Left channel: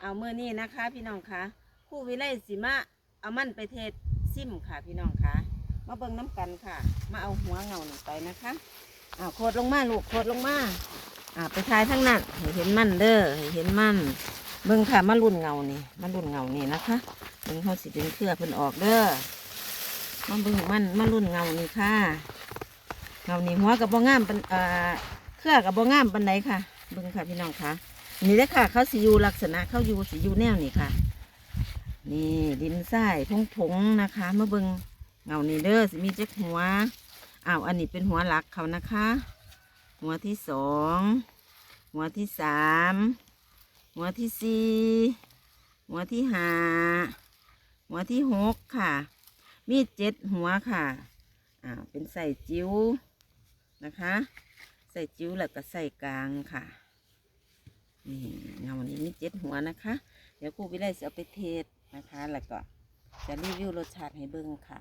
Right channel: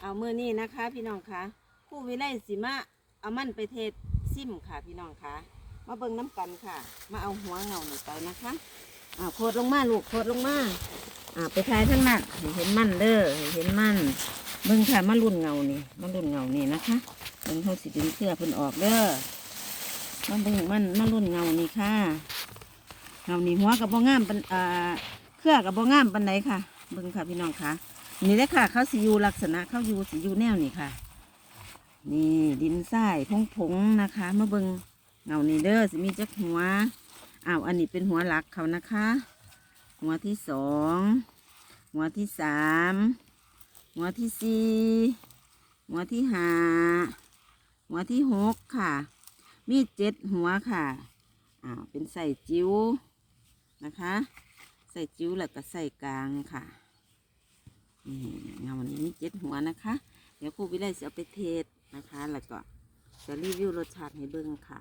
เอาเมื่อนี้นะคะพี่น้องคะคู่วิไลสิมาเอามันไปเทศซิมค่ะพี่น้องคะมาเบิ่งน้ำกันค่ะ มาเอาหัวเงาหนี่ไปนะคะอ่าโคดลงมาลูกโคดลงมาอ่าไปทายทั้งนั้นเห็นมันเด้อเห็นมันเบิ่งค่ะมารุ่นเงานี่มารุ่นเงานี่นะคะเบิ่งเขาสิดึงเครือเพิ่นออกเด้อมาเบิ่งมันมารุ่นเงานี่ค่ะเงานี่หัวกับบ่งามเปันเอ่าเครือกับบ่งามปันใดค่ะเบิ่งค่ะพี่น้องค่ะ นี่แหละค่ะ เขาสิอยู่ลักษณะเขาอยู่สิอยู่แนวนี่ค่ะ นี่ดินทรายพงผงๆนะคะเมื่อเบิงเงานี่เด้อสิมีจักหัวอ้าวอันนี้เป็นหัวหลักเขานะคะ หัวที่สองหัวที่สามหัวที่สี่หัวที่ห้าหัวที่หกค่ะ มีเจ็ดหัวค่ะอ้าวเป็นใส่จิ้วนะคะ ใส่จิ้วแล้วก็ใส่กลางค่ะ นี่เงานี้มีเจ็ดหัวนะคะ เดี๋ยวครูวิไลจะเอาไปเทสนะคะ แล้วก็จะรีวิวรสชาติให้เบิ่งค่ะ